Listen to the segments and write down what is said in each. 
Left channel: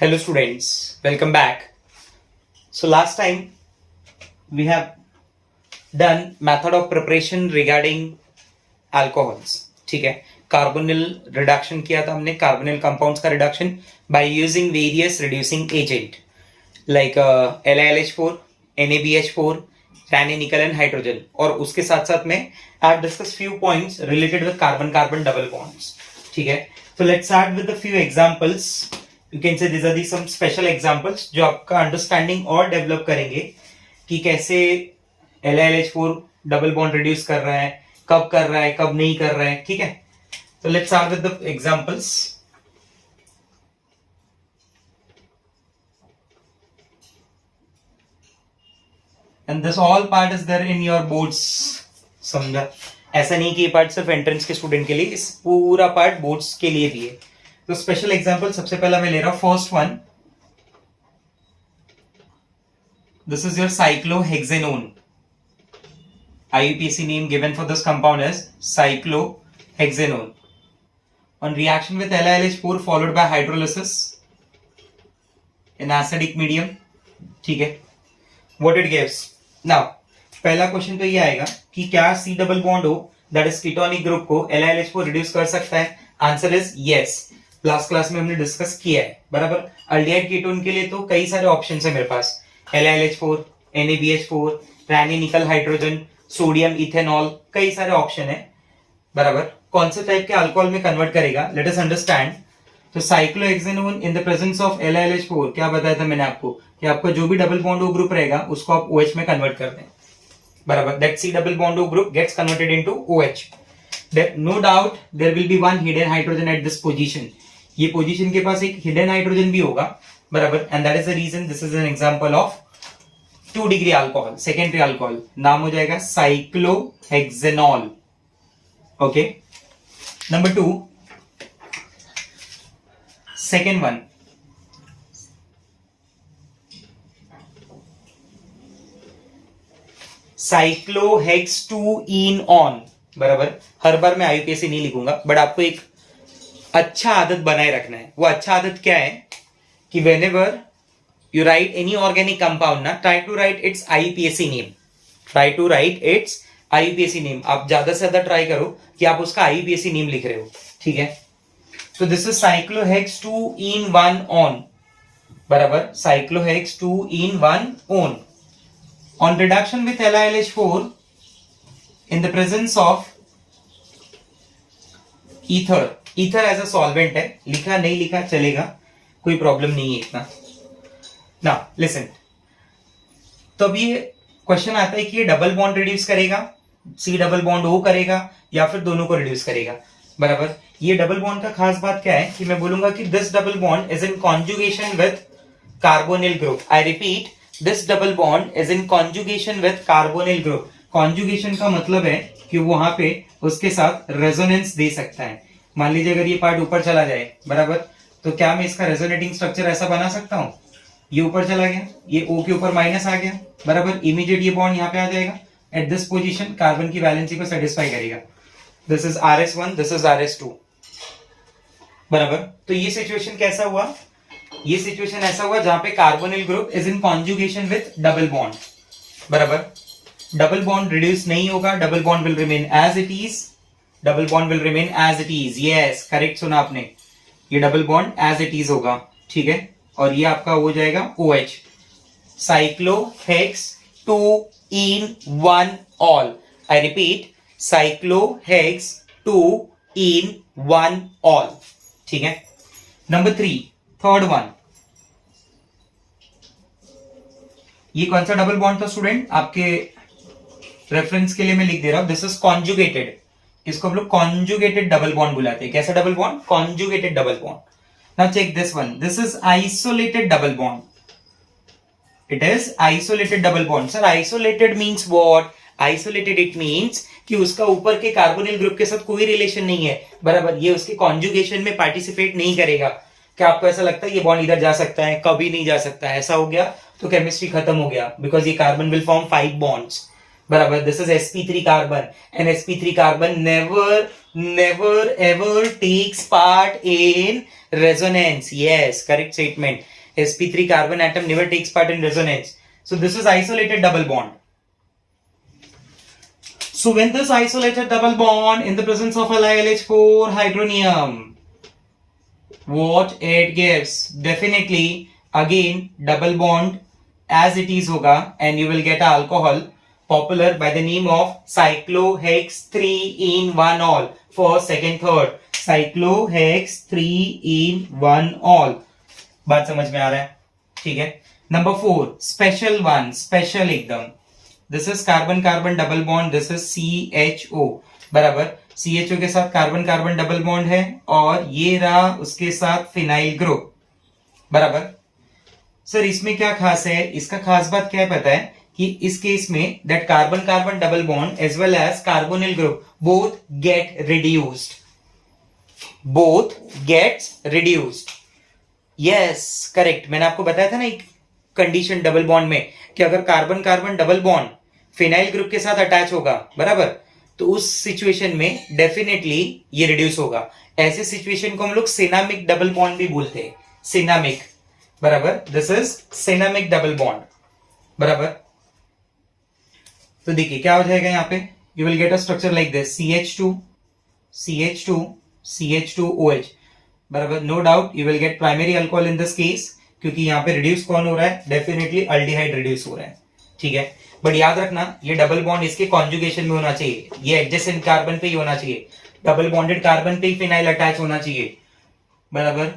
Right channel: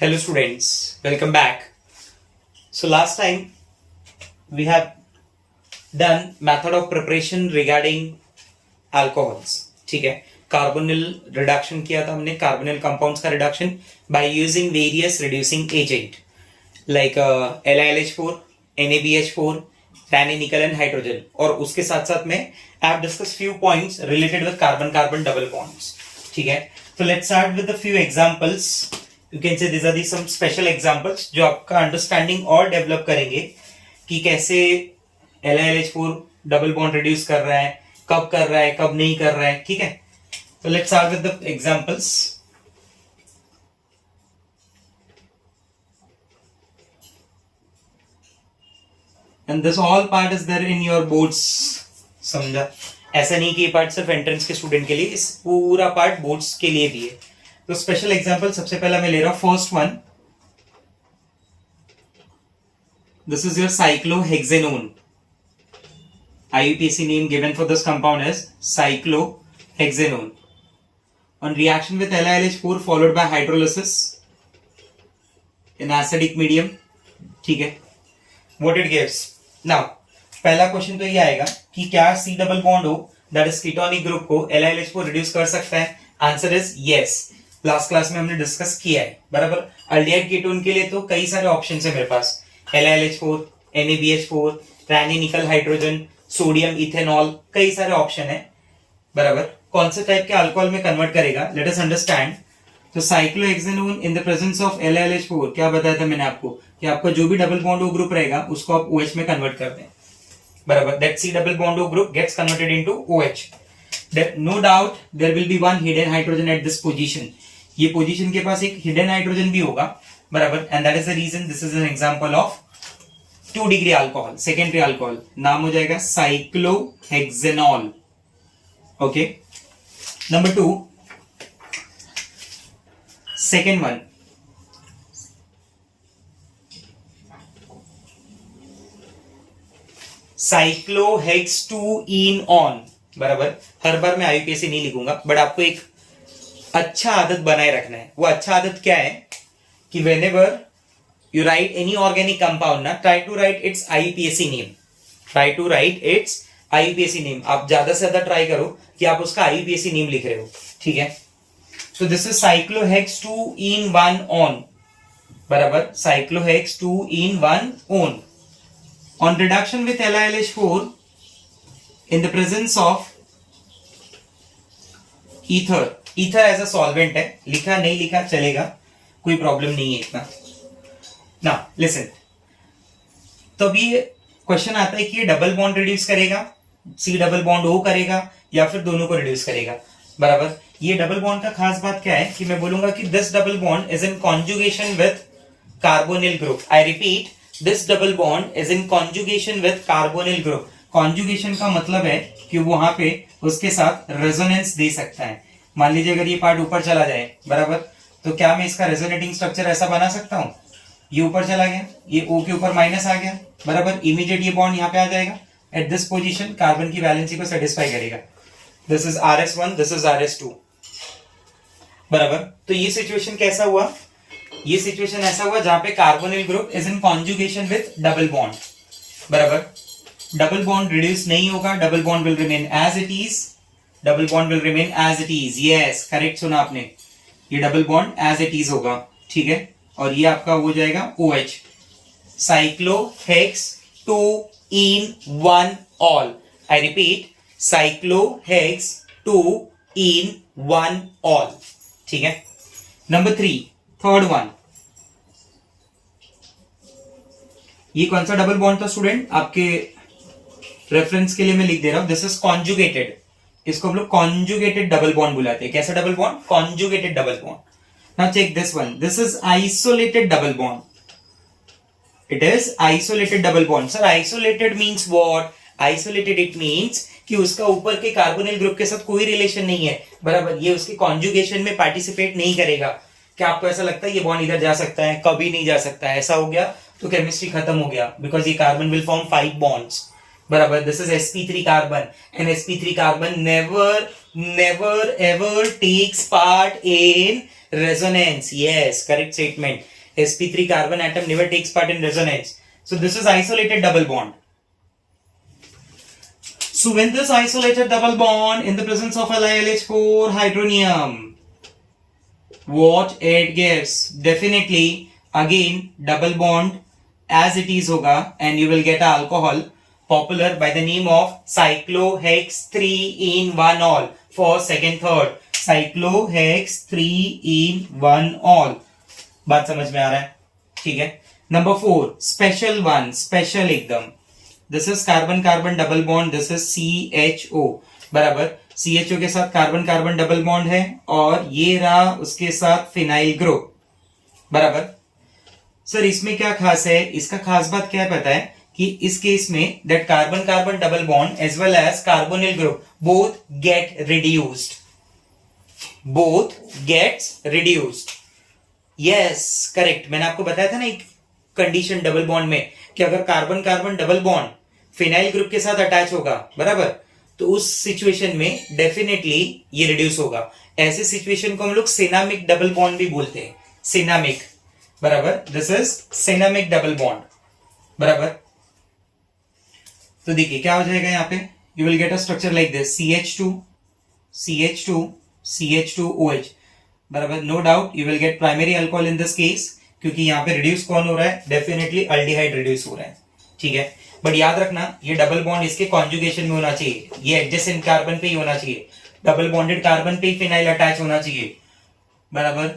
Hello students, welcome back. So last time we have done method of preparation regarding alcohols. ठीक है, carbonyl reduction किया था हमने, carbonyl compounds का reduction by using various reducing agent like LiLH4, NaBH4, Raney nickel and hydrogen. और उसके साथ साथ में I have discuss few points related with carbon carbon double bonds. ठीक है, तो let's start with the few examples. You can say this are the some special examples जो आपका अंडरस्टैंडिंग और डेवलप करेंगे कि कैसे LiLH4 डबल बॉन्ड रिड्यूस कर रहा है, कब कर रहा है, कब नहीं कर रहा है. ठीक है, तो let's start with the examples. And this all part is there in your boards. समझा? ऐसा नहीं कि ये पार्ट सिर्फ एंट्रेंस के स्टूडेंट के लिए, इस पूरा पार्ट बोर्ड्स के लिए भी है. तो स्पेशल एग्जांपल सबसे पहला मैं ले रहा हूं first one. This is your cyclohexanone. IUPAC name given for this compound is cyclohexanone. On reaction with LiLH4 followed by hydrolysis in acidic medium. ठीक है, what it gives. Now पहला क्वेश्चन तो ये आएगा कि क्या C डबल बॉन्ड हो that is ketonic group को LiLH4 रिड्यूस कर सकता है. Answer is yes. Last class में हमने डिस्कस किया है. बराबर, अल्डिहाइड कीटोन के लिए तो कई सारे ऑप्शन है मेरे पास. LiLH4, NaBH4, रैनी निकल हाइड्रोजन, सोडियम इथेनॉल, कई सारे ऑप्शन है. बराबर, कौन से टाइप के अल्कोहल में कन्वर्ट करेगा, लेट अस अंडरस्टैंड. तो cyclohexanone in the presence of LiLH4 क्या बताया था मैंने आपको कि आपका जो भी डबल बॉन्ड O ग्रुप रहेगा उसको आप OH में कन्वर्ट कर दें. बराबर, that C double bond O group gets converted into OH. That no doubt there will be one hidden hydrogen at this position. ये पोजीशन के पास एक हिडन हाइड्रोजन भी होगा. बराबर, and that is the reason this is an example of 2 degree alcohol, secondary alcohol. नाम हो जाएगा cyclohexanol. Okay, number 2, second one. साइक्लोहेक्स2-ईन-ऑन. बराबर, हर बार मैं IUPAC नहीं लिखूंगा बट आपको एक अच्छा आदत बनाए रखना है. वो अच्छा आदत क्या है कि whenever you write any organic compound ना, try to write its IUPAC name. Try to write its IUPAC name. आप ज्यादा से ज्यादा ट्राई करो कि आप उसका IUPAC नेम लिख रहे हो. ठीक है, तो दिस इज साइक्लोहेक्स2-ईन-1-ऑन. बराबर, साइक्लोहेक्स2-ईन-1-ऑन. On reduction with LiLH4 in the presence of ether. Ether as a solvent है, लिखा नहीं लिखा चलेगा, कोई प्रॉब्लम नहीं है इतना. ना लिसन, तो अभी क्वेश्चन आता है कि ये डबल बॉन्ड रिड्यूस करेगा, C डबल बॉन्ड O करेगा या फिर दोनों को रिड्यूस करेगा. बराबर, ये डबल बॉन्ड का खास बात क्या है कि मैं बोलूंगा कि this double bond is in conjugation with carbonyl group. I repeat, this double bond is in conjugation with carbonyl group. Conjugation का मतलब है कि वहां पे उसके साथ रेजोनेंस दे सकता है. मान लीजिए अगर ये पार्ट ऊपर चला जाए, बराबर, तो क्या मैं इसका रेजोनेटिंग स्ट्रक्चर ऐसा बना सकता हूं, ये ऊपर चला गया, ये O के ऊपर माइनस आ गया. बराबर, इमीडिएट ये बॉन्ड यहां पे आ जाएगा. एट दिस पोजीशन कार्बन की वैलेंसी को सेटिस्फाई करेगा. This is RS1, this is RS2. बराबर, तो ये सिचुएशन कैसा हुआ, ये सिचुएशन ऐसा हुआ जहां पे carbonyl group is in conjugation with double bond. बराबर, डबल बॉन्ड रिड्यूस नहीं होगा, double bond will remain as it is. Double bond will remain as it is. Yes, correct सुना आपने, ये double bond as it is होगा. ठीक है, और ये आपका हो जाएगा OH. साइक्लोहेक्स2-ईन-1-ऑल. I repeat, साइक्लोहेक्स2-ईन-1-ऑल. ठीक है, नंबर 3, थर्ड वन. ये कौन सा डबल बॉन्ड था स्टूडेंट, आपके रेफरेंस के लिए मैं लिख दे रहा हूं. This is conjugated. इसको हम लोग कॉन्जुगेटेड डबल बॉन्ड बुलाते हैं. कैसा double bond, conjugated double bond. Now check this one. This is isolated double bond. It is isolated double bond. Sir isolated means what, isolated it means कि उसका ऊपर के कार्बोनिल ग्रुप के साथ कोई रिलेशन नहीं है. बराबर, ये उसके कॉन्जुगेशन में पार्टिसिपेट नहीं करेगा. क्या आपको ऐसा लगता है ये बॉन्ड इधर जा सकता है, कभी नहीं जा सकता है, ऐसा हो गया तो केमिस्ट्री खत्म हो गया. बिकॉज ये कार्बन विल फॉर्म 5 बॉन्ड्स. बराबर. This is sp3 carbon and sp3 carbon never ever takes part in resonance. Yes, correct statement. sp3 carbon atom never takes part in resonance. So this is isolated double bond. So when this isolated double bond in the presence of LiLH4 hydronium, what it gives? Definitely again double bond as it is hoga, and you will get an alcohol popular by the name of cyclohex 3-in-1-ol. First, second, third. cyclohex 3-in-1-ol. बात समझ में आ रहा है? ठीक है. Number 4, special one, special एकदम. This is carbon carbon double bond. This is CHO. बराबर. CHO के साथ कार्बन कार्बन डबल बॉन्ड है और ये रहा उसके साथ फिनाइल ग्रुप. बराबर. सर इसमें क्या खास है? इसका खास बात क्या पता है कि इस केस में that carbon carbon double bond as well as carbonyl group both get reduced. Both gets reduced. Yes, correct. मैंने आपको बताया था ना एक कंडीशन डबल बॉन्ड में कि अगर carbon carbon double bond phenyl group के साथ अटैच होगा, बराबर, तो उस सिचुएशन में डेफिनेटली ये रिड्यूस होगा. ऐसे सिचुएशन को हम लोग सिनामिक डबल बॉन्ड भी बोलते हैं. सिनामिक. बराबर. This is cinnamic double bond. बराबर. तो देखिए क्या हो जाएगा यहां पे. You will get a structure like this. CH2 CH2 CH2OH. बराबर. No doubt you will get primary alcohol in this case, क्योंकि यहां पे रिड्यूस कौन हो रहा है? डेफिनेटली अल्डिहाइड रिड्यूस हो रहा है. ठीक है. बट याद रखना ये डबल बॉन्ड इसके कॉन्जुगेशन में होना चाहिए. ये एडजेसेंट कार्बन पे ही होना चाहिए. डबल बॉन्डेड कार्बन पे ही फिनाइल अटैच होना चाहिए. बराबर.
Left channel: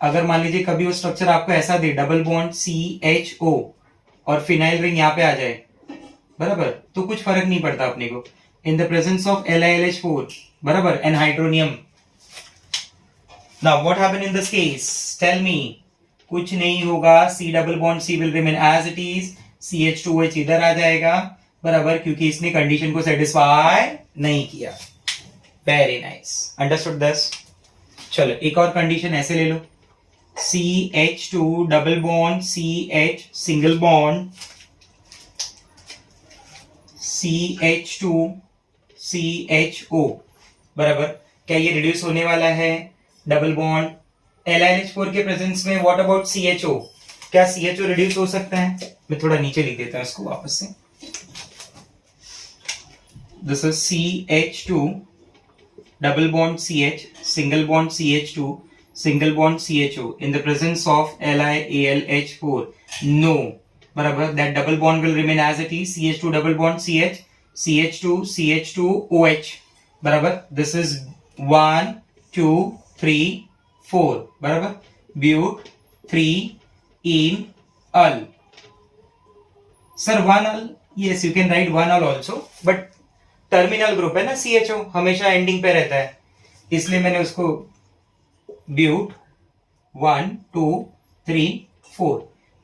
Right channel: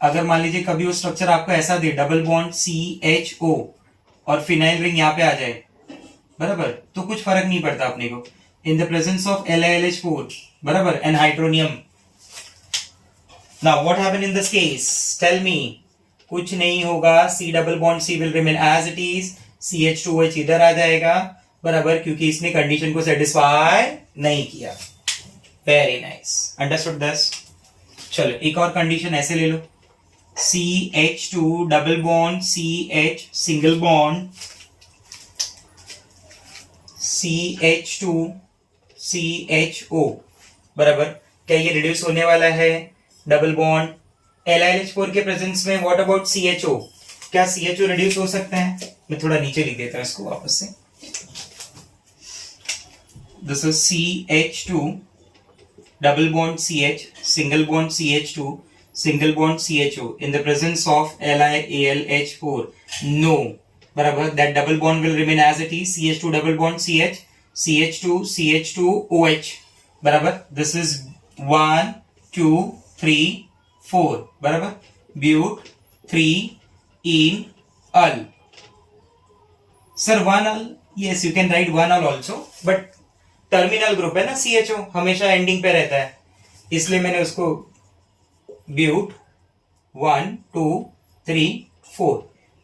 अगर मान लीजिए कभी वो स्ट्रक्चर आपको ऐसा दे डबल बॉन्ड CHO और फिनाइल रिंग यहां पे आ जाए, बराबर, तो कुछ फर्क नहीं पड़ता अपने को. इन द प्रेजेंस ऑफ LiLH4, बराबर, and hydronium. Now what happen in this case? Tell me. कुछ नहीं होगा. C double bond C will remain as it is. CH2OH इधर आ जाएगा, बराबर, क्योंकि इसने कंडीशन को सेटिस्फाई नहीं किया. Very nice. Understood this. चलो एक और कंडीशन ऐसे ले लो. CH2 double bond CH single bond CH2 CHO. बराबर. क्या ये रिड्यूस होने वाला है? डबल बॉन्ड LiLH4 के प्रेजेंस में. What about CHO? क्या CHO रिड्यूस हो सकते हैं? मैं थोड़ा नीचे लिख देता हूं इसको वापस से. This is CH2 double bond CH single bond CH2 single bond CHO in the presence of LiAlH4. No. बराबर. That double bond will remain as it is. CH2 double bond CH CH2 CH2OH. बराबर. This is 1 2 3 4. बराबर. But 3-in-ol. Sir 1-ol. Yes, you can write 1-ol also. But terminal group है ना CHO, हमेशा ending पे रहता है, इसलिए मैंने उसको ब्यूट 1 2 3 4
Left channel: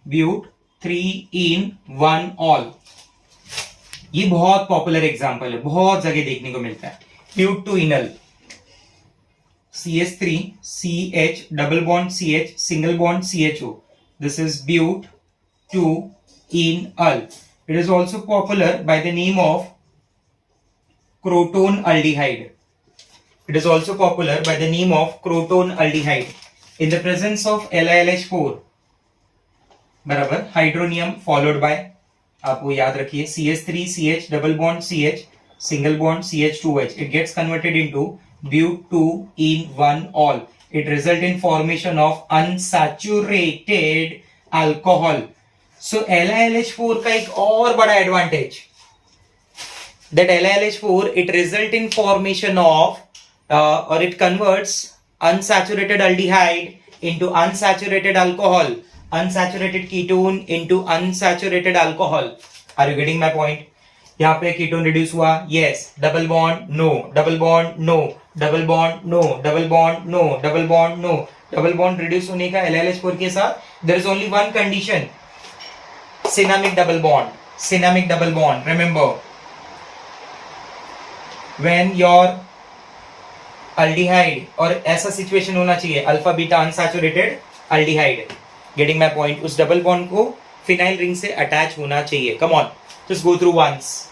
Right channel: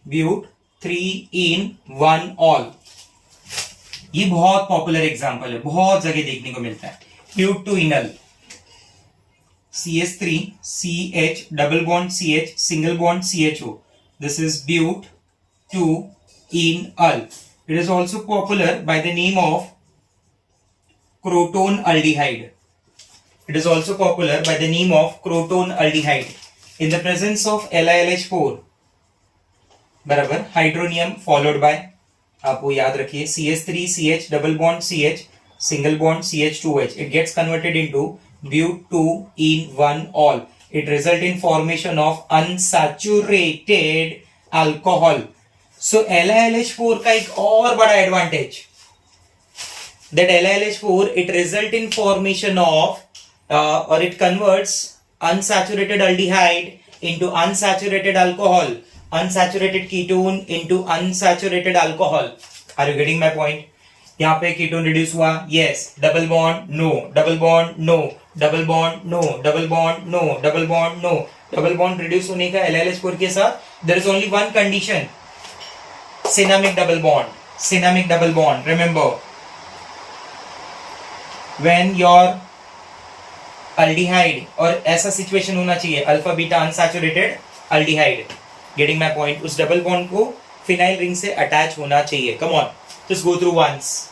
ब्यूट 3-in-1-ol. ये बहुत पॉपुलर एग्जांपल है, बहुत जगह देखने को मिलता है. But 2-enol. CH3 CH double bond CH single bond CHO. This is but 2-enol. It is also popular by the name of croton aldehyde. It is also popular by the name of croton aldehyde. In the presence of LiLH4, बराबर, hydronium followed by, आप वो याद रखिए, CH3 CH double bond CH single bond CH2OH. It gets converted into but 2-in-1-ol. It result in formation of unsaturated alcohol. So LiLH4 का एक और बड़ा advantage, that LiLH4 it result in formation of or it converts unsaturated aldehyde into unsaturated alcohol, unsaturated ketone into unsaturated alcohol. Are you getting my point? यहाँ पे ketone reduce हुआ. Yes. Double bond no, double bond no, double bond no, double bond no, double bond no. Double bond reduce होने का LiLH4 के साथ there is only one condition, cinnamic double bond. Cinnamic double bond, remember, when your aldehyde, और ऐसा situation होना चाहिए alpha beta unsaturated aldehyde. Getting my point? उस double bond को फिनाइल रिंग से अटैच होना चाहिए. Come on, just go through once.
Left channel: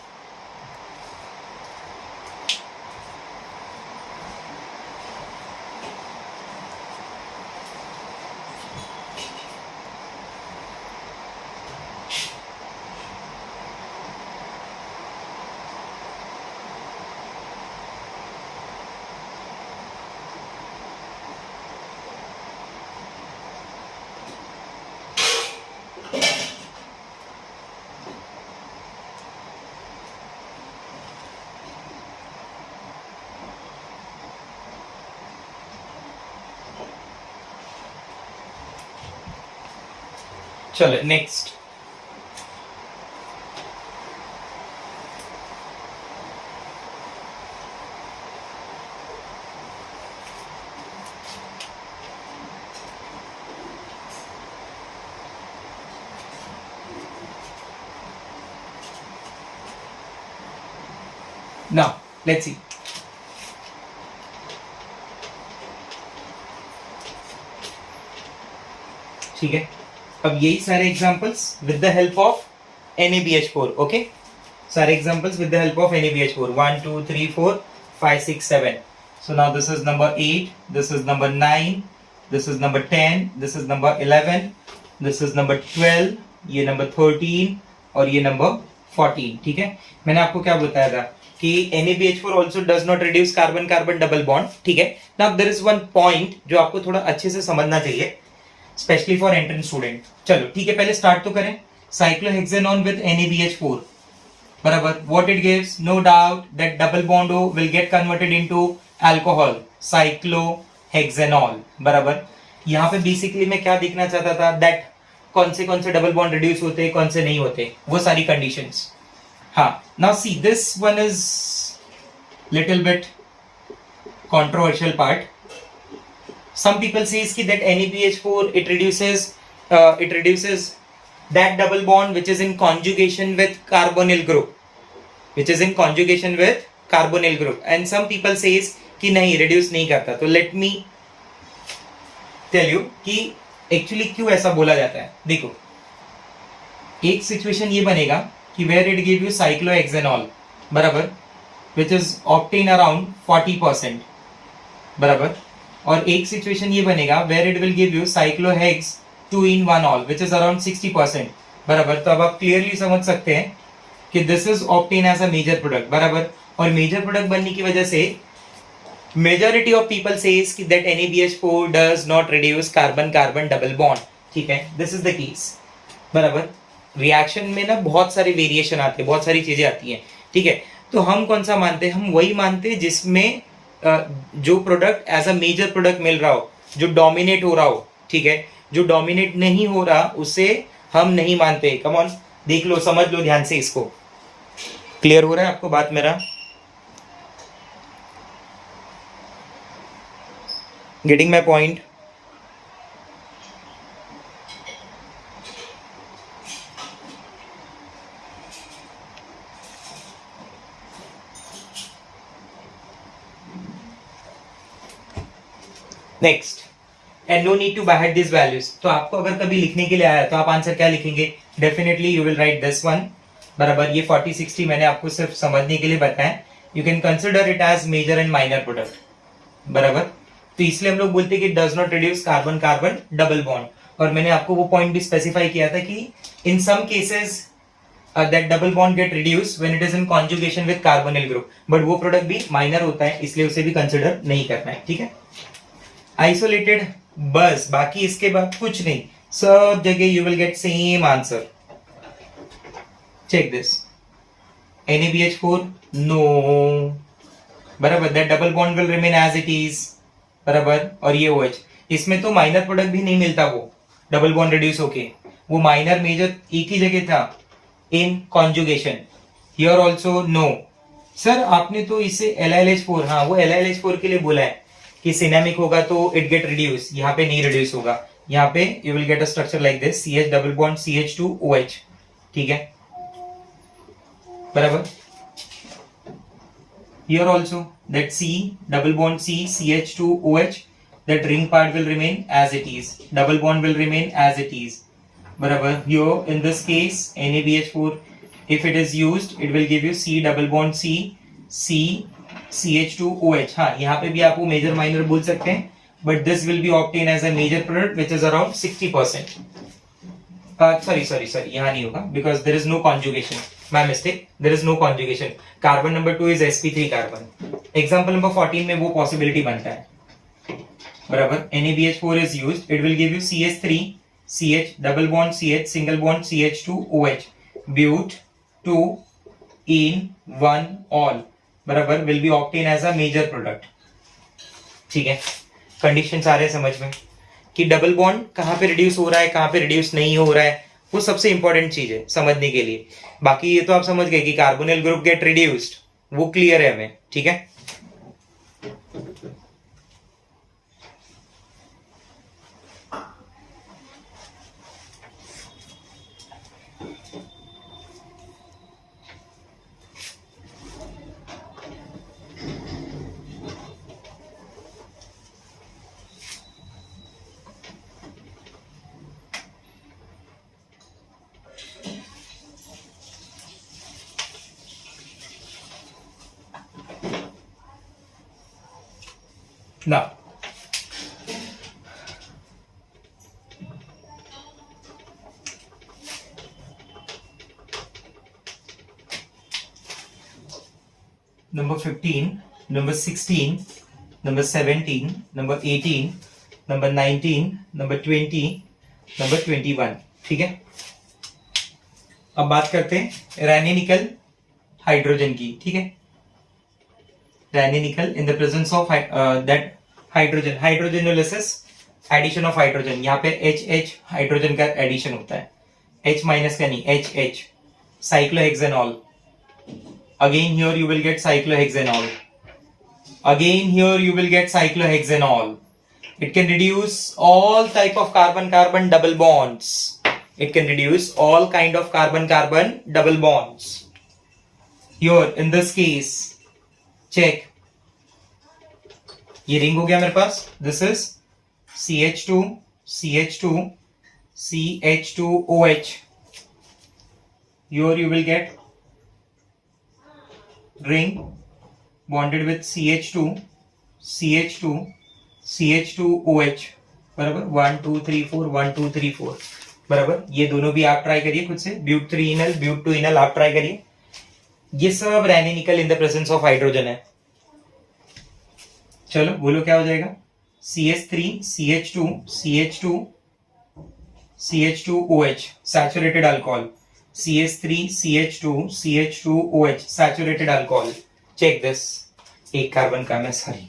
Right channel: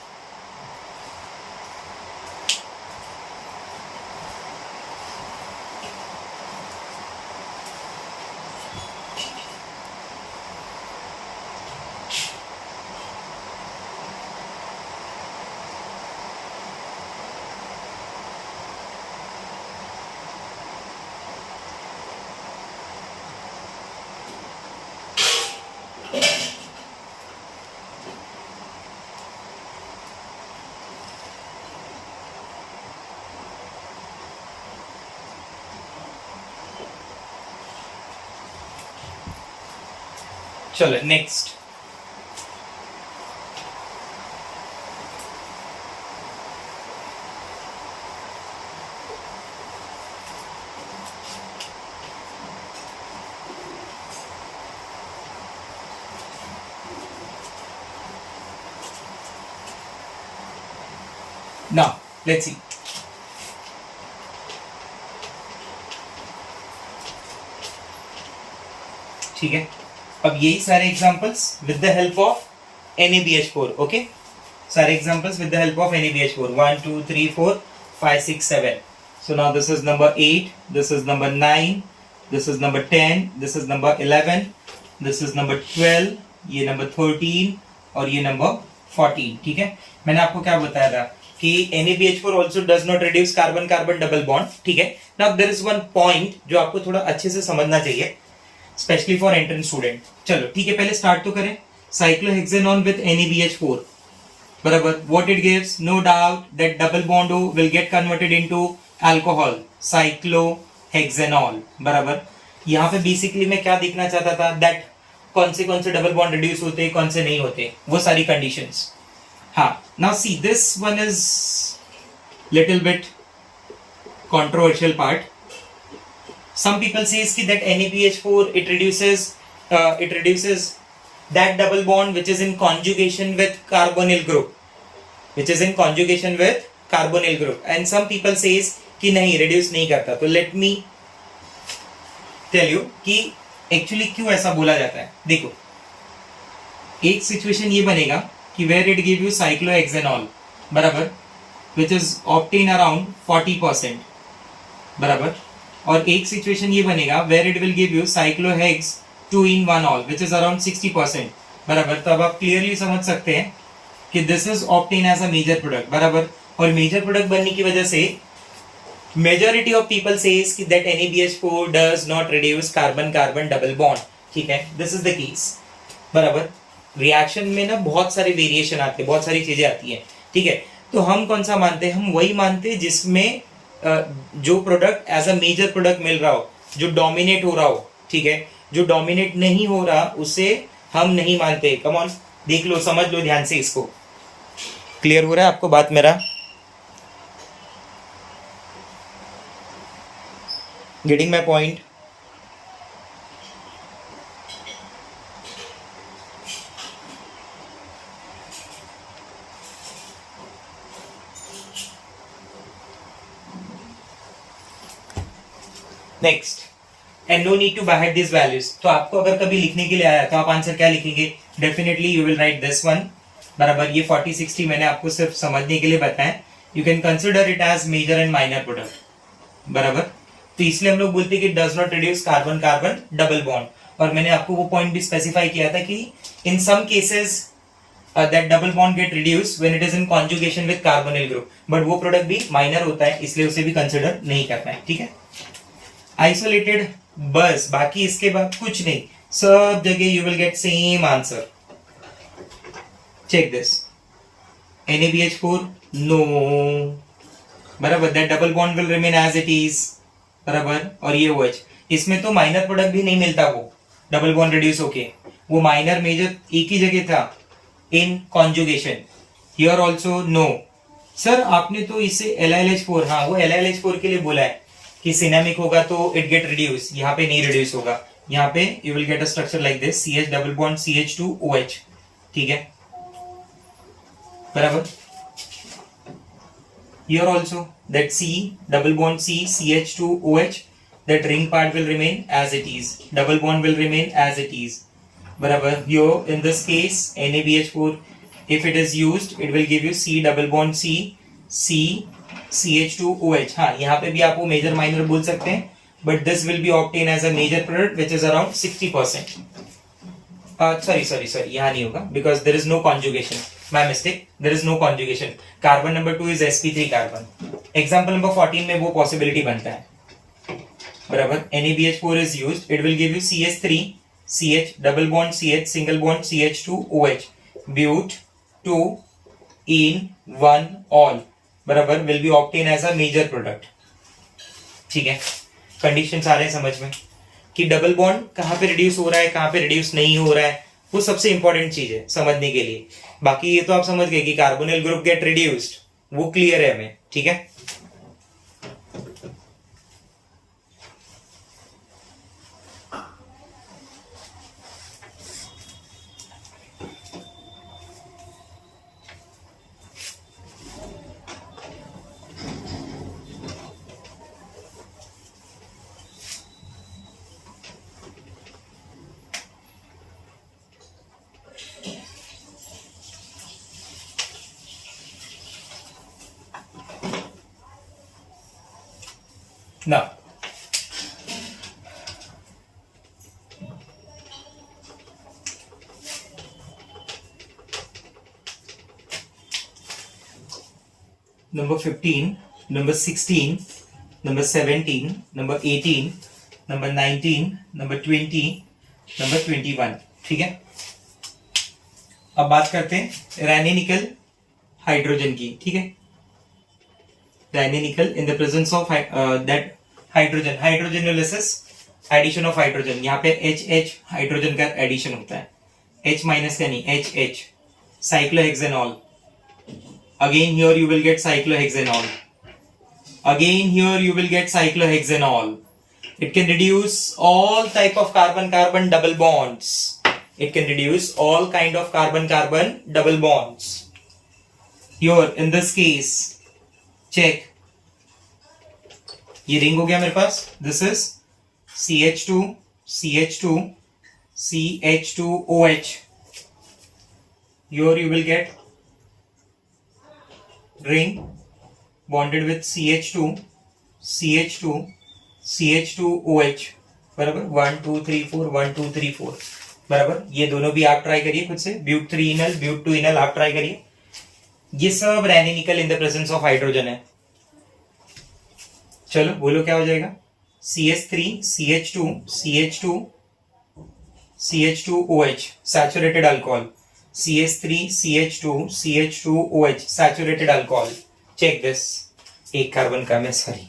चलो नेक्स्ट, now let's see. ठीक है, अब यही सारे examples with the help of NaBH4. Okay, सारे examples with the help of NaBH4. 1 2 3 4 5 6 7. So now this is number 8, this is number 9, this is number 10, this is number 11, this is number 12, ये number 13 और ये number 14. ठीक है, मैंने आपको क्या बताया था कि NaBH4 also does not reduce carbon carbon double bond. ठीक है, now there is one point जो आपको थोड़ा अच्छे से समझना चाहिए, स्पेशली फॉर एंट्रेंस स्टूडेंट. चलो ठीक है, पहले स्टार्ट तो करें. साइक्लोहेक्सेनॉन विद NaBH4, बराबर, what it gives, no doubt that double bond O will get converted into alcohol, cyclohexanol, बराबर. यहाँ पे बेसिकली मैं क्या देखना चाहता था, दैट कौन से डबल बॉन्ड रिड्यूस होते हैं, कौन से नहीं होते, वो सारी कंडीशंस. हाँ, now see this one is little bit controversial part. Some people says that NaBH4 it reduces that double bond which is in conjugation with carbonyl group, and some people says कि नहीं reduce नहीं करता. तो let me tell you कि actually क्यों ऐसा बोला जाता है. देखो, एक सिचुएशन ये बनेगा कि where it give you cyclohexanol, बराबर, which is obtained around 40%, बराबर, और एक सिचुएशन ये बनेगा where it will give you cyclohex 2-in-1-all which is around 60%, बराबर. तो अब आप क्लियरली समझ सकते हैं कि this is obtain as a major product, बराबर. और मेजर प्रोडक्ट बनने की वजह से मेजॉरिटी ऑफ पीपल सेज कि that NaBH4 does not reduce carbon carbon double bond. ठीक है, दिस इज द केस, बराबर. रिएक्शन में ना बहुत सारे वेरिएशन आते हैं, बहुत सारी चीजें आती हैं. ठीक है, तो हम कौन सा मानते हैं, हम वही मानते हैं जिसमें जो product as a major product मिल रहा हो, जो डोमिनेट हो रहा हो. ठीक है, जो डोमिनेट नहीं हो रहा उसे हम नहीं मानते. कम ऑन, देख लो, समझ लो ध्यान से इसको. क्लियर हो रहा है आपको बात मेरा? Getting my point? Next, and no need to buy this values. तो आपको अगर कभी लिखने के लिए आया तो आप आंसर क्या लिखेंगे, definitely you will write this one, बराबर. ये 40-60 मैंने आपको सिर्फ समझने के लिए बताया. You can consider it as major and minor product, बराबर. तो इसलिए हम लोग बोलते हैं कि does not reduce carbon carbon double bond. और मैंने आपको वो पॉइंट भी स्पेसिफाई किया था कि in some cases that double bond get reduce when it is in conjugation with carbonyl group, but वो प्रोडक्ट भी माइनर होता है, इसलिए उसे भी कंसिडर नहीं करना है. ठीक है, आइसोलेटेड, बस, बाकी इसके बाद कुछ नहीं, सब जगह you will get same answer. Check this, NaBH4 no, बराबर, that double bond will remain as it is, बराबर. और ये OH, इसमें तो माइनर प्रोडक्ट भी नहीं मिलता, वो डबल बॉन्ड रिड्यूस होके, वो माइनर मेजर एक ही जगह था, in conjugation. Here also no. Sir आपने तो इसे LiLH4, हाँ वो LiLH4 के लिए बोला है कि सिनेमिक होगा तो इट गेट रिड्यूस, यहाँ पे नहीं रिड्यूस होगा. यहाँ पे you will get a structure like this, CH double bond CH2OH. ठीक है, बराबर. Here also that C double bond C CH2OH, that ring part will remain as it is, double bond will remain as it is, बराबर. Here in this case NaBH4 if it is used it will give you C double bond C CH2OH. हाँ, यहाँ पे भी आप वो major minor बोल सकते हैं, but this will be obtained as a major product which is around 60%. Sorry, यहाँ नहीं होगा because there is no conjugation. My mistake, there is no conjugation. Carbon number 2 is sp3 carbon. Example number 14 में वो possibility बनता है, बराबर. NaBH4 is used, it will give you CH3 CH double bond CH single bond CH2OH, but 2-in-1-all, बराबर, will be obtained as a major product. ठीक है, condition आ रहे हैं समझ में कि डबल बॉन्ड कहाँ पे रिड्यूस हो रहा है, कहाँ पे रिड्यूस नहीं हो रहा है, वो सबसे इंपॉर्टेंट चीज है समझने के लिए। बाकी ये तो आप समझ गए कि कार्बोनिल ग्रुप गेट रिड्यूस्ड, वो क्लियर है हमें, ठीक है। Now, number 15, number 16, number 17, number 18, number 19, number 20, number 21, ठीक है। अब बात करते हैं रैनी निकल हाइड्रोजन की, ठीक है। Raney nickel in the presence of that hydrogen, hydrogenolysis, addition of hydrogen, यहाँ पे HH हाइड्रोजन का एडिशन होता है, H माइनस यानी HH, cyclohexanol. Again here you will get cyclohexanol. Again here you will get cyclohexanol. It can reduce all type of carbon-carbon double bonds. It can reduce all kind of carbon-carbon double bonds. Here in this case, check. ये ring हो गया मेरे पास. This is CH2, CH2, CH2OH. Here you will get ring bonded with CH2, CH2, CH2OH, बराबर 1 2 3 4 1 2 3 4, बराबर। ये दोनों भी आप ट्राई करिए खुद से, ब्यूट 3 इनल, ब्यूट 2 इनल आप ट्राई करिए। ये सब Raney nickel in the presence of hydrogen है। चलो बोलो क्या हो जाएगा, CH3, CH2, CH2, CH2OH, saturated alcohol, CH3, CH2, CH2OH, saturated alcohol. Check this. एक कार्बन कम है, sorry.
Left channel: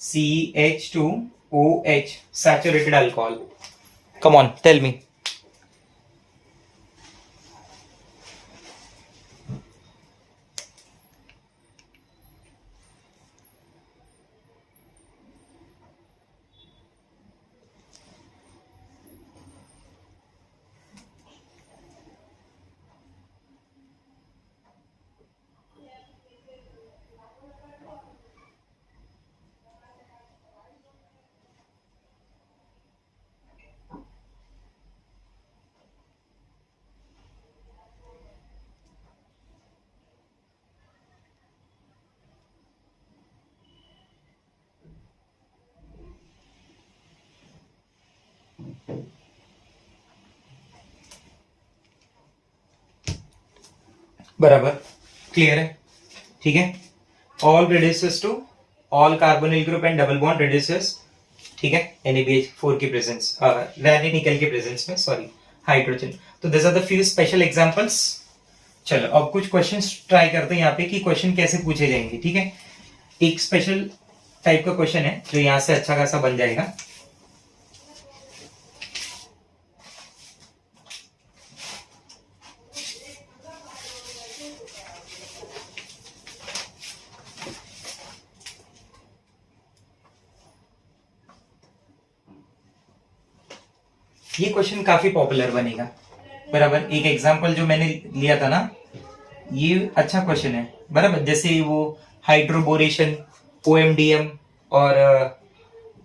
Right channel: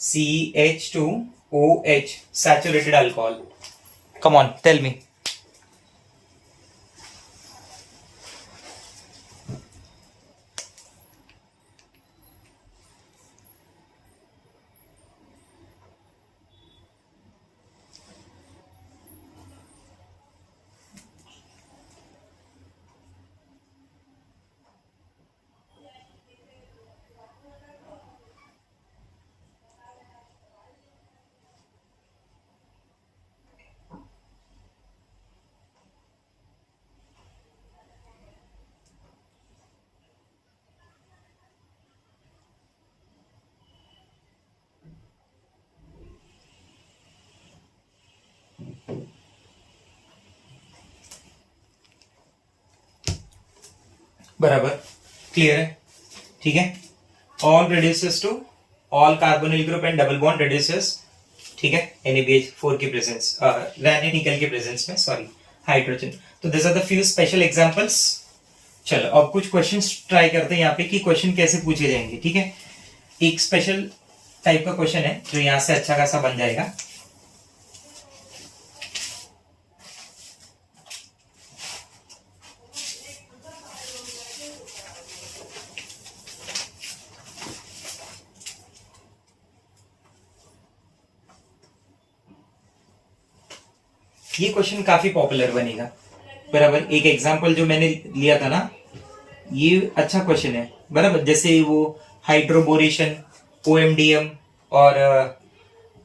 CH2OH, saturated alcohol. Come on, tell me. बराबर, क्लियर है, ठीक है। All reduces to all carbonyl group and double bond reduces, ठीक है, NaBH4 की प्रेजेंस, रैनिनिकल के प्रेजेंस में, सॉरी, हाइड्रोजन। तो this are the few special examples. चलो अब कुछ क्वेश्चंस ट्राई करते हैं यहाँ पे कि क्वेश्चन कैसे पूछे जाएंगे, ठीक है। एक स्पेशल टाइप का क्वेश्चन है जो यहाँ से अच्छा खासा बन जाएगा। ये क्वेश्चन काफी पॉपुलर बनेगा, बराबर। एक एग्जांपल जो मैंने लिया था ना, ये अच्छा क्वेश्चन है, बराबर। जैसे वो हाइड्रोबोरेशन, OMDM और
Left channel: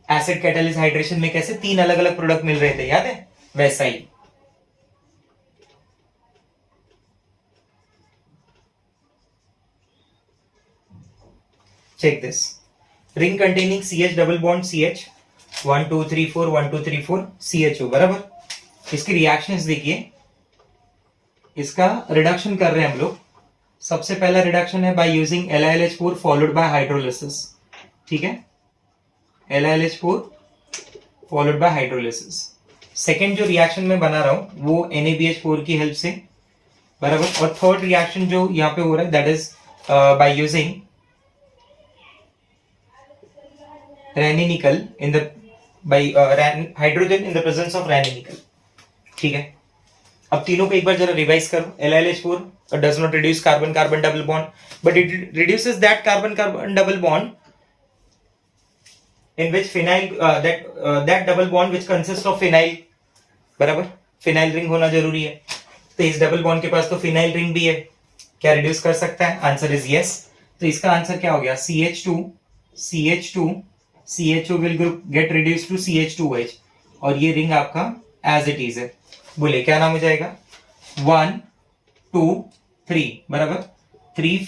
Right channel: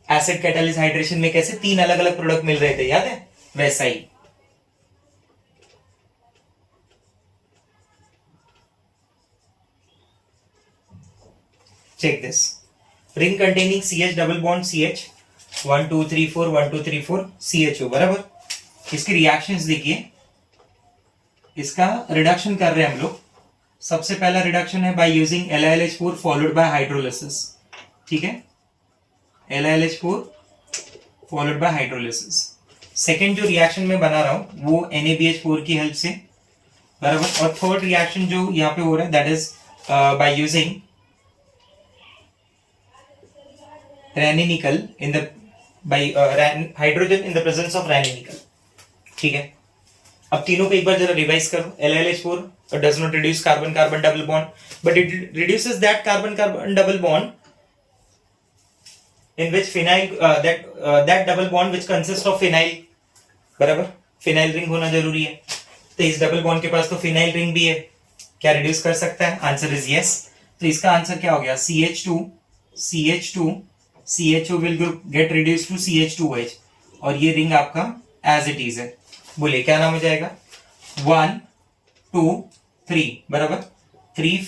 एसिड कैटालिस हाइड्रेशन में कैसे 3 अलग अलग प्रोडक्ट मिल रहे थे, याद है, वैसा ही। Check this, ring containing CH double bond CH, 1 2 3 4 1 2 3 4 CHO, बराबर। इसके रिएक्शंस देखिए, इसका रिडक्शन कर रहे हैं हम लोग। सबसे पहला रिडक्शन है by using LiLH4 followed by hydrolysis, ठीक है, LiLH4 followed by hydrolysis. Second जो रिएक्शन में बना रहा हूं वो NaBH4 की हेल्प से, बराबर। और थर्ड रिएक्शन जो यहाँ पे हो रहा है that is by using Raney nickel in the by hydrogen in the presence of radical, ठीक है। अब तीनों पे एक बार जरा रिवाइज करो. LiLH4 does not reduce carbon carbon double bond, but it reduces that carbon carbon double bond in which phenyl that double bond which consists of phenyl. बराबर, phenyl ring होना जरूरी है. तो इस डबल बॉन्ड के पास तो phenyl ring भी है. क्या रिड्यूस कर सकता है? Answer is yes. तो इसका आंसर क्या हो गया? CH2 will get reduce to CH2H और ये रिंग आपका एज इट इज है. बोले क्या नाम हो जाएगा? 1 2 3 बराबर 3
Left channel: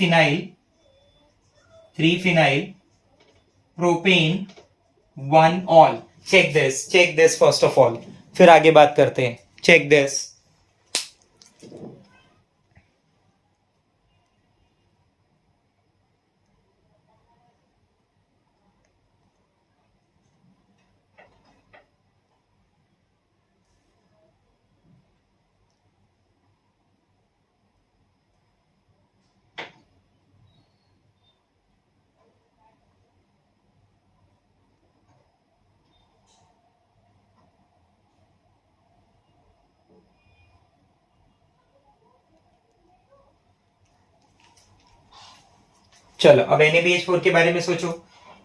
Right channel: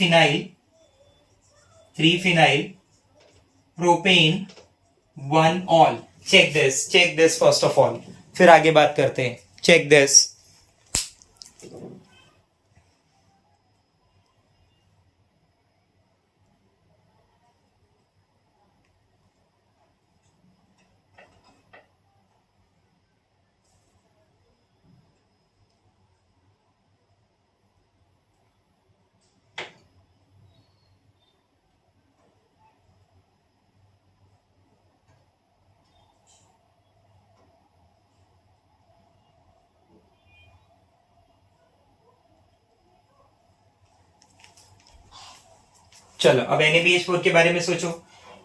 phenyl propane 1 ol. Check this first of all, फिर आगे बात करते हैं. Check this. चलो अब NaBH4 के बारे में सोचो.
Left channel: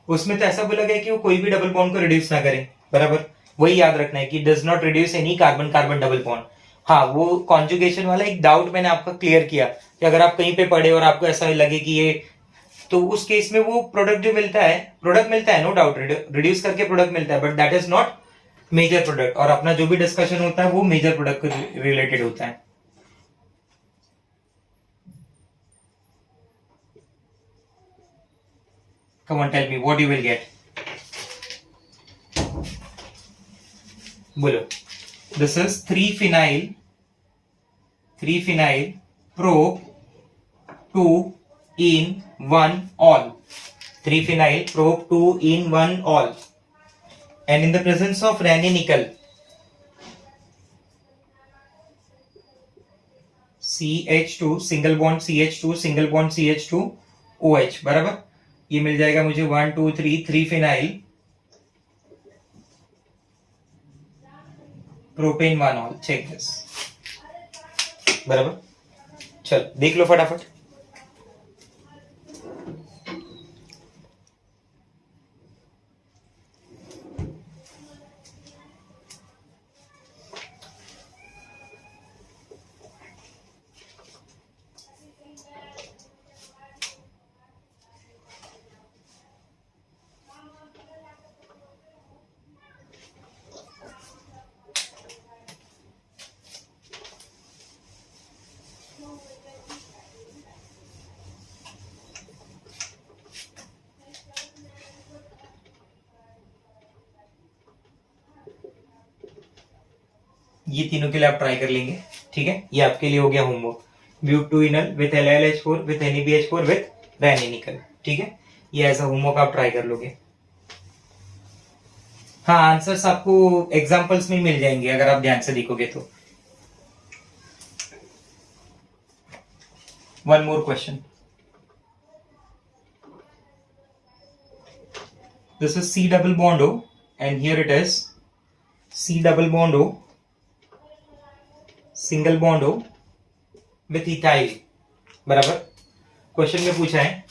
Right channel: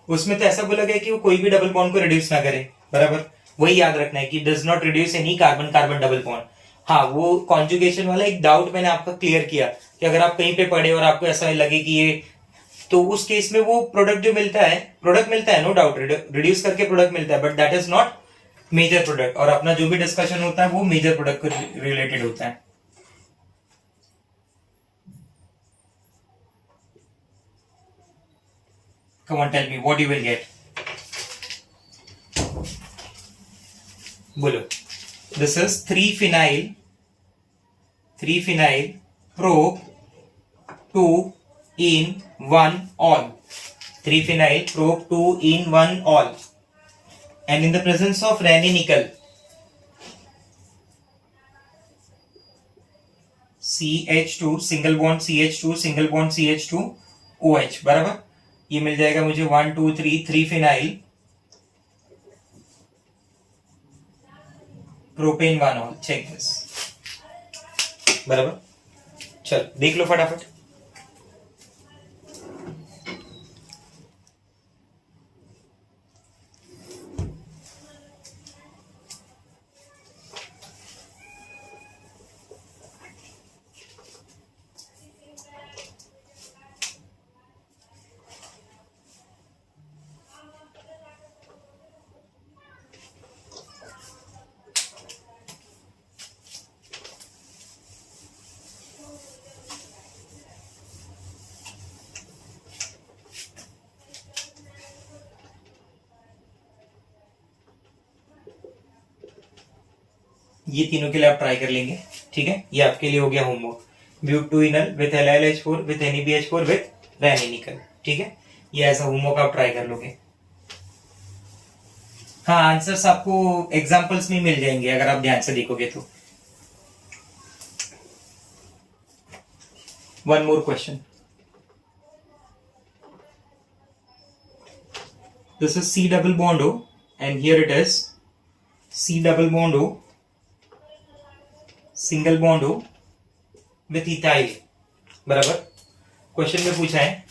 उसमें तो ऐसा बोला गया कि वो कोई भी डबल बॉन्ड को रिड्यूस ना करे. बराबर, वही याद रखना है कि does not reduce any carbon carbon double bond. हाँ, वो कॉन्जुगेशन वाला एक डाउट मैंने आपका क्लियर किया कि अगर आप कहीं पे पढ़े और आपको ऐसा लगे कि ये, तो उस केस में वो प्रोडक्ट जो मिलता है नो डाउट रिड्यूस करके प्रोडक्ट मिलता है, but that is not major product. और अपना जो भी डिस्कशन होता है वो मेजर प्रोडक्ट को रिलेटेड होता है. Come on, tell me what you will get. बोलो. This is 3-phenyl prop 2 in 1 all. 3-phenyl prop 2 in 1 all. And in the presence of Raney nickel, CH2 single bond CH2 single bond CH2 OH. बराबर, ये मिल जाएगा मुझे 1 2 3 phenyl propane 1 ol. Check this. बराबर, चल देख लो फटाफट. ये तीनों के लिए आप ट्राई कर लेंगे. ठीक है, ये आपके लिए हो गया homework. Butanal with LiLH4 with NaBH4 with Raney nickel. ठीक है, ये ऐसा होमवर्क आप ट्राई कर लोगे. हाँ, आंसर्स आपको एग्जांपल्स में मिल जाएंगे अगर आप ध्यान से देखोगे तो. One more question. This is C double bond O and here it is C double bond O single bond हो विथ इथाइल. बराबर, क्वेश्चन में पूछा है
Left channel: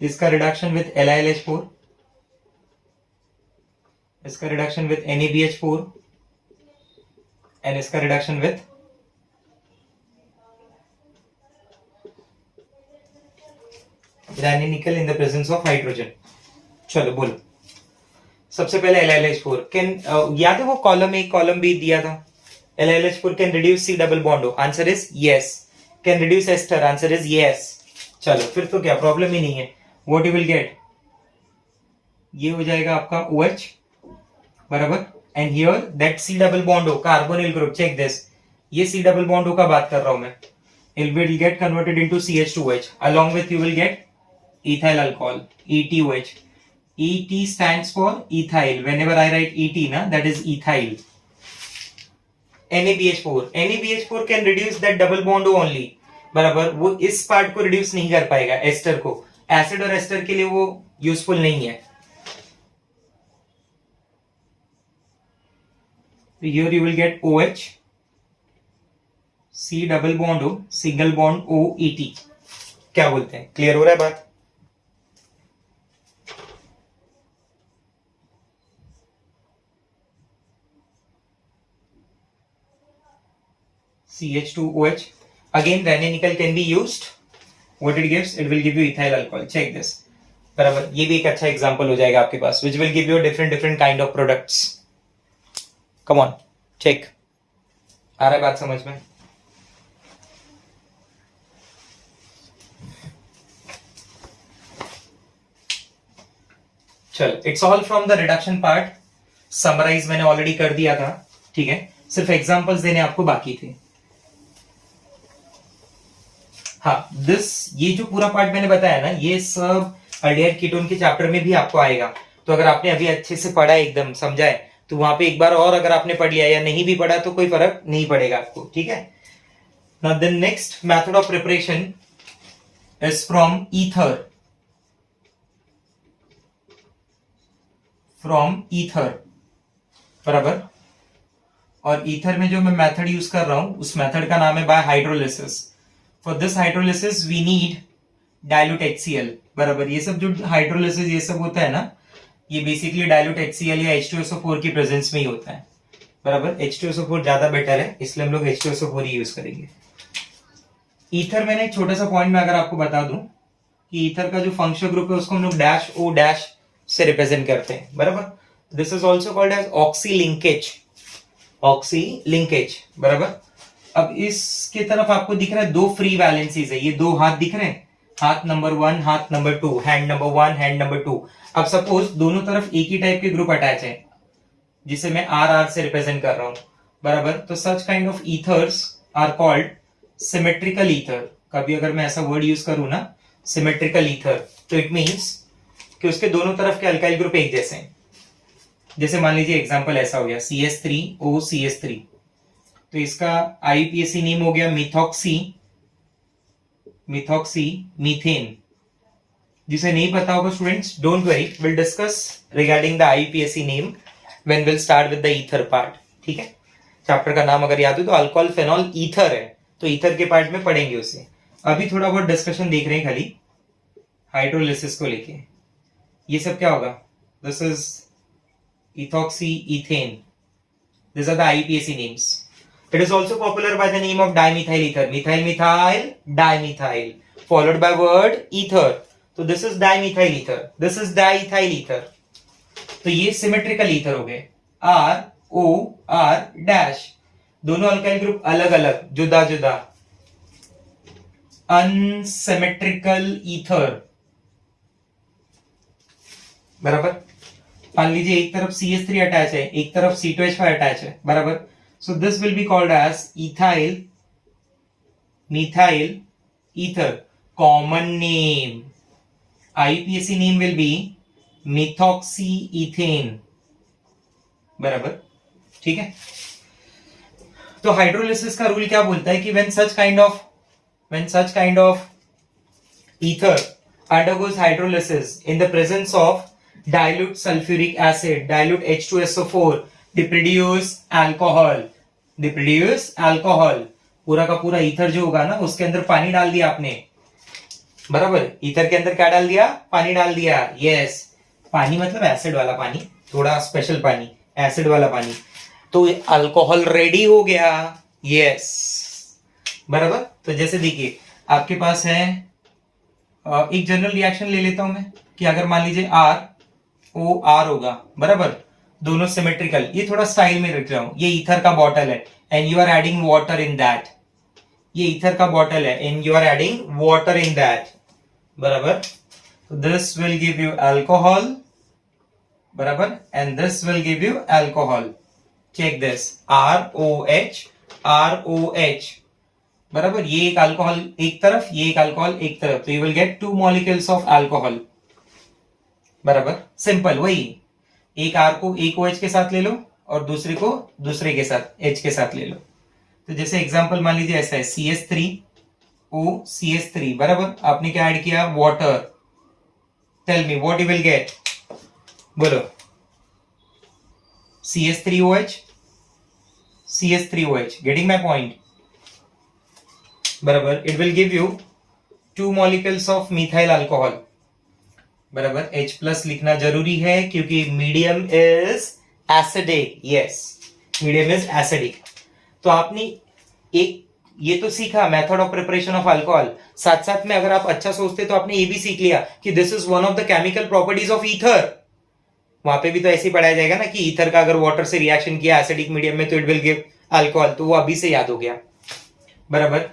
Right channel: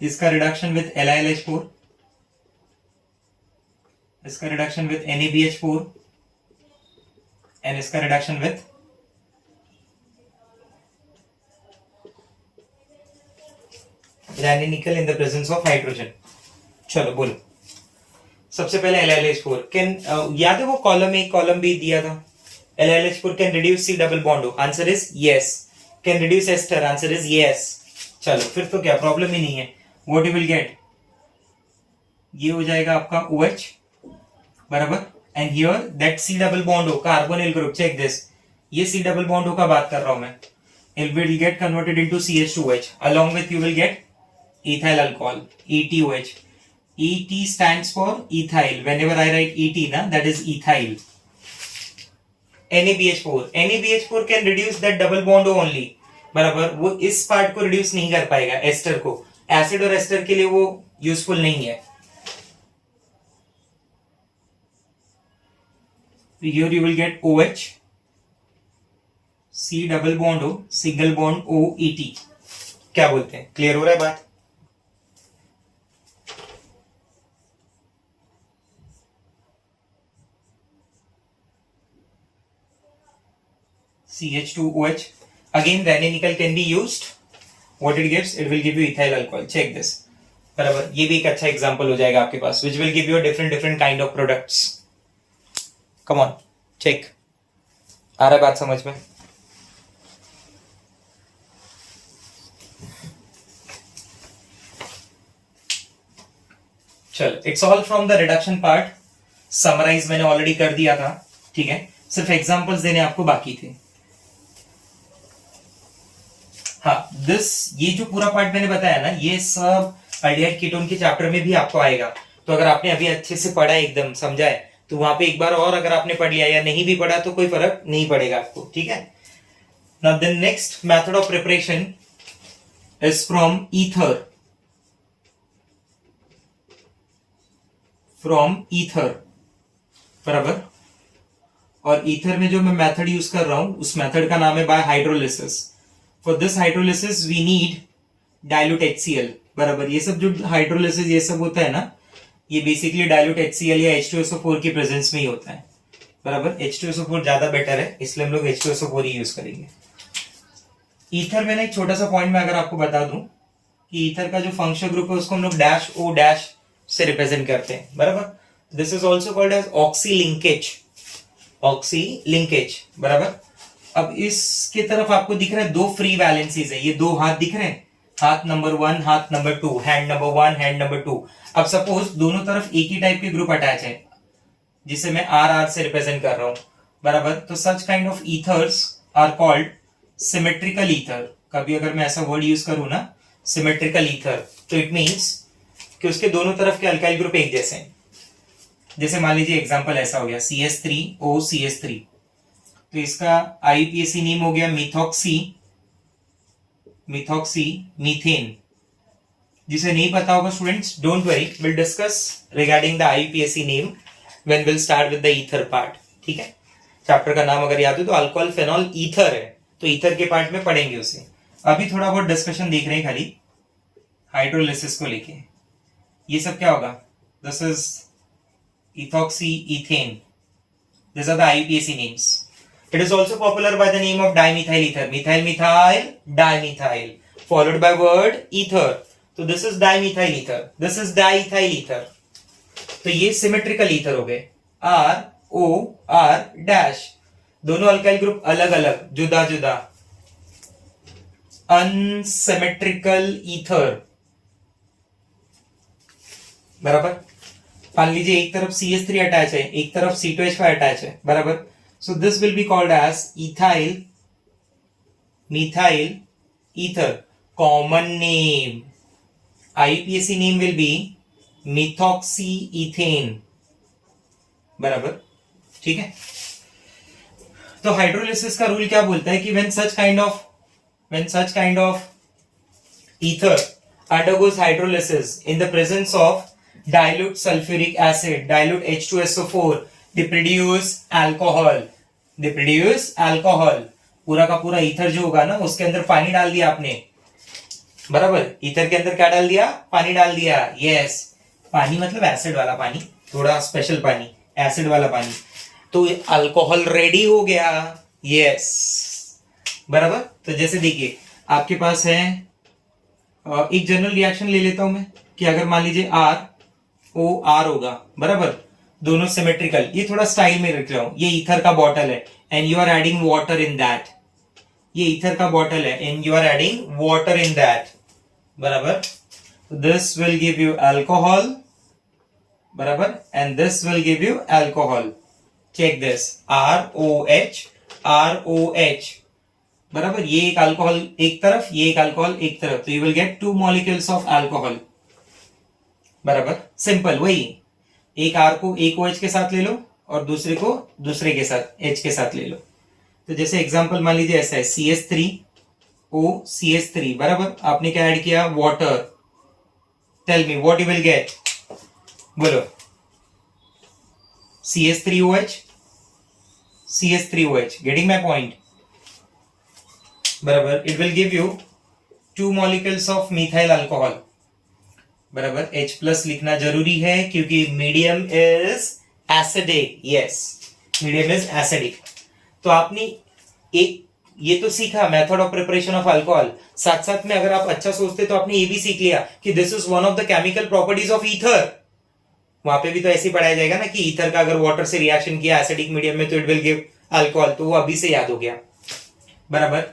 इसका रिडक्शन विथ LiLH4, इसका रिडक्शन विथ NaBH4 एंड इसका reduction with Raney nickel in the presence of hydrogen. चलो बोलो. सबसे पहले LiLH4 कैन, याद है वो कॉलम ए कॉलम बी दिया था. LiLH4 can reduce C double bond O. Answer is yes. Can reduce ester. Answer is yes. चलो फिर तो क्या प्रॉब्लम ही नहीं है. What you will get? ये हो जाएगा आपका OH. बराबर, and here that C double bond O carbonyl group. Check this. ये C double bond O का बात कर रहा हूं मैं. It will get converted into CH2OH. Along with you will get ethyl alcohol, ETOH. ET stands for ethyl. Whenever I write ET na, that is ethyl. NaBH4 can reduce that double bond O only. बराबर, वो इस part को reduce नहीं कर पाएगा, ester को. Acid और ester के लिए वो यूजफुल नहीं है. Here you will get OH C double bond हो, सिंगल बॉन्ड OET, क्या बोलते हैं? क्लियर हो रहा है बात? CH2OH. Again, Ranenical can be used. What it gives? It will give you ethyl alcohol. Check this. बराबर, ये भी एक अच्छा एग्जांपल हो जाएगा आपके पास, which will give you different kind of products. Come on, check. आ रहा है बात समझ में? चल, it's all from the reduction part. Summarise मैंने ऑलरेडी कर दिया था, ठीक है? सिर्फ एग्जांपल्स देने आपको बाकी थे. हाँ, ये जो पूरा पार्ट मैंने बताया ना, ये सब अल्डिहाइड कीटोन के चैप्टर में भी आपको आएगा. तो अगर आपने अभी अच्छे से पढ़ा, एकदम समझा है, तो वहां पे एक बार और अगर आपने पढ़ लिया या नहीं भी पढ़ा तो कोई फर्क नहीं पड़ेगा आपको, ठीक है? Now the next method of preparation is from ether. बराबर. और ईथर में जो मैं मेथड यूज कर रहा हूं, उस मेथड का नाम है by hydrolysis. For this hydrolysis we need dilute HCl. बराबर. ये सब जो हाइड्रोलिसिस ये सब होता है ना, ये बेसिकली डाइल्यूट HCl या H2SO4 की प्रेजेंस में ही होता है. बराबर. H2SO4 ज्यादा बेटर है, इसलिए हम लोग H2SO4 ही यूज करेंगे. ईथर मैंने एक छोटा सा पॉइंट में अगर आपको बता दूं कि ईथर का जो फंक्शनल ग्रुप है उसको हम लोग -O- से रिप्रेजेंट करते हैं. बराबर. This is also called as oxy linkage. बराबर. अब इसके तरफ आपको दिख रहा है दो फ्री वैलेंसीज है, ये दो हाथ दिख रहे हैं, हाथ नंबर 1, हाथ number 2, hand number 1, hand number 2. अब सपोज दोनों तरफ एक ही टाइप के ग्रुप अटैच है, जिसे मैं RR से रिप्रेजेंट कर रहा हूं. बराबर. तो such kind of ethers are called symmetrical ether. कभी अगर मैं ऐसा वर्ड यूज करूं ना, सिमेट्रिकल ईथर, तो इट मींस कि उसके दोनों तरफ के अल्काइल ग्रुप एक जैसे हैं. जैसे मान लीजिए एग्जांपल ऐसा हो गया CH3OCH3, तो इसका IUPAC नेम हो गया मिथॉक्सी मीथेन. जिसे नहीं पता होगा students, don't worry, will discuss regarding the IUPAC name when will start with the ether part. ठीक है? चैप्टर का नाम अगर याद हो तो अल्कोहल फेनॉल ईथर है, तो ईथर के पार्ट में पढ़ेंगे उसे. अभी थोड़ा बहुत डिस्कशन देख रहे हैं खाली हाइड्रोलिसिस को लेके. ये सब क्या होगा? This is ethoxy ethane. These are the IUPAC names. It is also popular by the name of dimethyl ether. Methyl, dimethyl, followed by word ether. So this is dimethyl ether. This is diethyl ether. तो ये symmetrical ether हो गए. ROR-, दोनों alkyl group अलग अलग, जुदा जुदा. Unsymmetrical ether. बराबर. मान लीजिए एक तरफ CH3 अटैच है, एक तरफ C2H5 अटैच है. बराबर. So this will be called as methyl ether. Common name, IUPAC name will be methoxy ethane. बराबर. ठीक है? तो हाइड्रोलिसिस का रूल क्या बोलता है कि when such kind of ether undergoes hydrolysis in the presence of dilute sulfuric acid, dilute H2SO4, they produce alcohol. पूरा का पूरा ईथर जो होगा ना, उसके अंदर पानी डाल दिया आपने. बराबर. ईथर के अंदर क्या डाल दिया? पानी डाल दिया. यस. पानी मतलब एसिड वाला पानी, थोड़ा स्पेशल पानी, एसिड वाला पानी. तो अल्कोहल रेडी हो गया. यस. बराबर. तो जैसे देखिए आपके पास है एक जनरल रिएक्शन ले लेता हूं मैं कि अगर मान लीजिए ROR होगा. बराबर. दोनों सिमेट्रिकल. ये थोड़ा स्टाइल में रख रहा हूं. ये ईथर का बॉटल है and you are adding water in that. ये ईथर का बॉटल है and you are adding water in that. बराबर. This will give you alcohol. बराबर. And this will give you alcohol. Check this. ROH. बराबर. ये एक alcohol एक तरफ, ये एक अल्कोहल एक तरफ, तो you will gate 2 molecules of alcohol. बराबर. सिंपल. वही एक R को एक OH के साथ ले लो और दूसरे को दूसरे के साथ H के साथ ले लो. तो जैसे एग्जांपल मान लीजिए ऐसा है CH3OCH3. बराबर. आपने क्या ऐड किया? Water. Tell me what you will get. बोलो. CH3OH. Getting my point. बराबर, it will give you 2 molecules of methyl alcohol, बराबर। H प्लस लिखना जरूरी है क्योंकि medium is acidic, yes, medium is acidic. तो आपने एक ये तो सीखा method of preparation of alcohol, साथ साथ में अगर आप अच्छा सोचते तो आपने ये भी सीख लिया कि this is one of the chemical properties of ether. वहां पे भी तो ऐसे ही पढ़ाया जाएगा ना कि ईथर का अगर वाटर से रिएक्शन किया एसिडिक मीडियम में तो इट विल गिव अल्कोहल, तो वो अभी से याद हो गया, बराबर।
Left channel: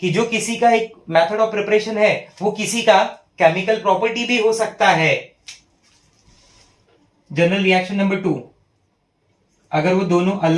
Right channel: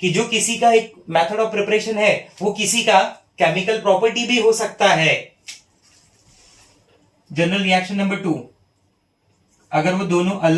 कि जो किसी का एक मेथड ऑफ प्रिपरेशन है वो किसी का केमिकल प्रॉपर्टी भी हो सकता है। जनरल रिएक्शन नंबर 2, अगर वो दोनों अलग